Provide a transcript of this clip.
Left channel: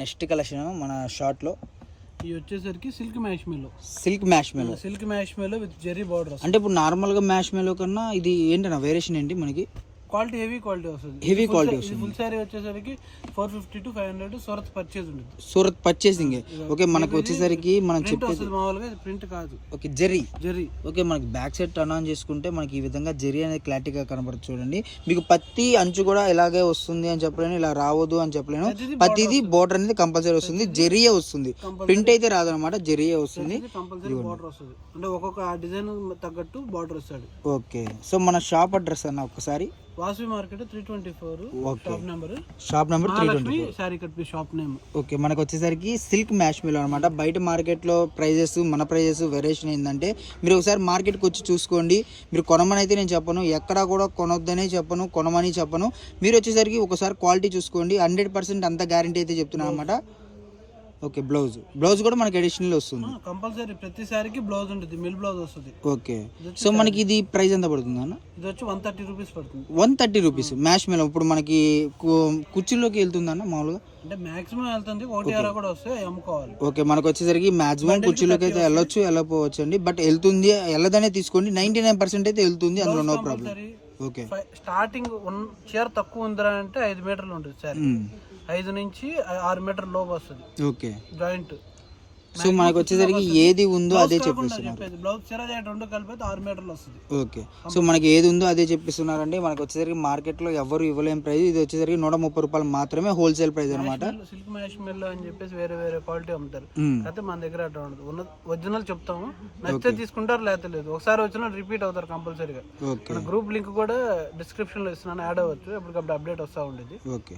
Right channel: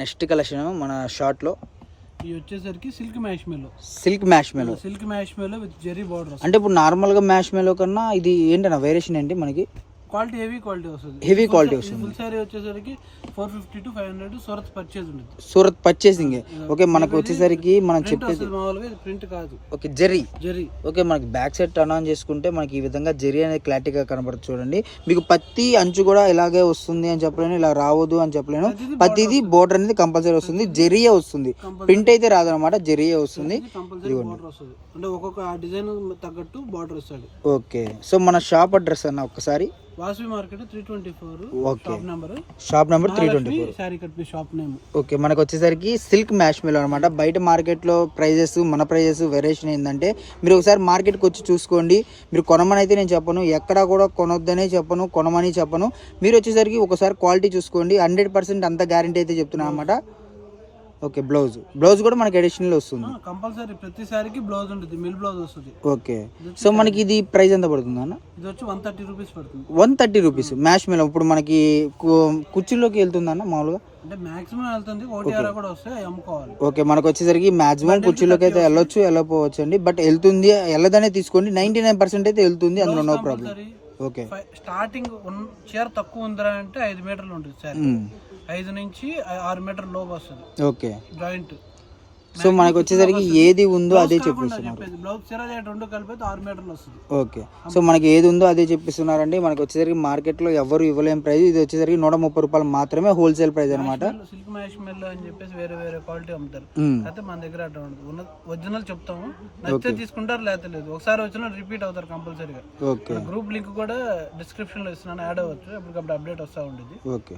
Next collection మన short లో ఇది వచ్చేసరికి silk marshmallow with zari border. అంటే ఇప్పుడు నార్మల్ గా మ్యాష్ మెలో కన్నా ఇది ఏంటన్నా వేరియేషన్ ఏంటి మనకి? క్వాలిటీ హెవీ క్వాలిటీ వస్తుంది. ఫుల్ సారీ వచ్చేసరికి 450 to 500 సూరత్ పర్చేజ్ ఉంటుంది. సూరత్ పర్చేసింగ్. ఓకే, మనకు వచ్చేసరికి మనం చెప్పేది మామూలుగా ఇది ప్రింట్ కాదు. ఓకే, జెరీ. ఓకే, మనకి బ్యాక్ సైడ్ టర్న్ ఆన్ చేసుకుంటే మనకి ఈ విధంగా జెరీ అనేది క్లారిటీగా కనబడుతుంది. చూడండి, మీకు పత్తి అంచు కూడా ఇలాగే వస్తుంది అని చెప్పలేను, ఇలా రావద్దు అని చెప్పలేను. పత్తిది బోర్డర్ అనేది కంపల్సరీ వస్తుంది, జెరీయే వస్తుంది. ప్రింట్ అయితే రాదనమాట, జెరీయే వస్తుంది. అంటే ఒక్కొక్క డిజైన్ తగ్గట్టు బార్డర్ వస్తాడు. ఓకే, సో మన షాప్ అడ్రస్ అన్న ఒక్కసారి. Vasavi market 324 shop number 324 sorry cut మీ షాప్ నేమ్. ఓకే, మనకు వచ్చేసరికి సిల్క్ మ్యాష్ మెలో అనమాట. బయట మార్కెట్లో ప్రైజెస్ మన ప్రైజెస్ వేరియేషన్ ఏంటంటే మీరు ఒకసారి మార్కెట్కి వచ్చి చూసుకోండి. మీరు కొనమని అయితే నేను చెప్పను, ఎక్కడా కూడా కొనొద్దనే చెప్పను, కొనమని చెప్పను. మీరు వచ్చేసరికి ఒకసారి క్వాలిటీ చూసుకోండి. 100% అంత గ్యారంటీ అయితే చెప్తున్నాను అనమాట. ఓకే, బ్లౌజ్ కూడా మనకి అడిషనల్ వస్తుంది కంపల్సరీ. ప్రతిసారికి బ్లౌజ్ ఉంటుంది, మిల్ బ్లౌజ్ వస్తుంది. ఓకే, సో మనకి ఇది ప్రైస్ ఎంత పడుతుంది అన్న? ఇది వచ్చి 130 రూపీస్ పడుతుంది. 130 రూపీస్ మ్యాష్ మెలో. ఇప్పుడు మనకి కుర్చీలోకి వెళ్తుంది అన్న మామూలుగా? అంటే మాక్సిమం వెళ్తుంది, 1 కూడా వస్తాయి, అమ్ముకోవాలి. ఓకే, మనకు వచ్చేసరికి మాక్సిమం కుర్చీలోకి అయితే వెళ్ళొచ్చు, వెళ్ళకపోవచ్చు అండి. బట్ వెళ్తుంది, వెళ్ళదనే తీసుకోండి. 99% అయితే వెళ్తుంది, అందులో నో ప్రాబ్లం. ఓకే, స్టార్టింగ్ చీర తక్కువ ఉందా అంటే 5 మీటర్లు ఉంటుంది సార్. 5 నుంచి 6 మీటర్ లోపు వస్తుంది. Okay, joint. సో మనకు వచ్చేసరికి ఏది ఉందో అదే చెప్పిస్తున్నారు. బ్లౌజ్ చీర రెండు కలిపి 6 మీటర్లు వస్తుంది. ఓకే, సో మనకి ఏది ఉందో అదే చెప్పిస్తున్నారండి. మనకి వచ్చేసరికి మార్కెట్ లో ఎవరు ఇవ్వలేని ప్రైస్. ఇది వచ్చేసరికి 130 రూపాయలు మాత్రమే హోల్సేల్ ప్రైస్ అనమాట. సిల్క్ మ్యాష్ మెల్లో అని చెప్పేసి వేరే క్వాలిటీ అమ్ముతారు. అయితే మన దగ్గర అట్లా ఉండదు. ఒరిజినల్ చెప్తాము, నచ్చితే తీసుకుంటారు, లేకపోతే లేదు. ఒకసారి వచ్చినా రిపీట్ అవుతారు కంపల్సరీగా. మన గ్రూప్ లింక్ కూడా డిస్క్రిప్షన్ లో ఇస్తున్నాను, యాడ్ అవ్వచ్చు. ఎప్పటికప్పుడు అప్డేట్ వస్తూ ఉండేది. ఓకే.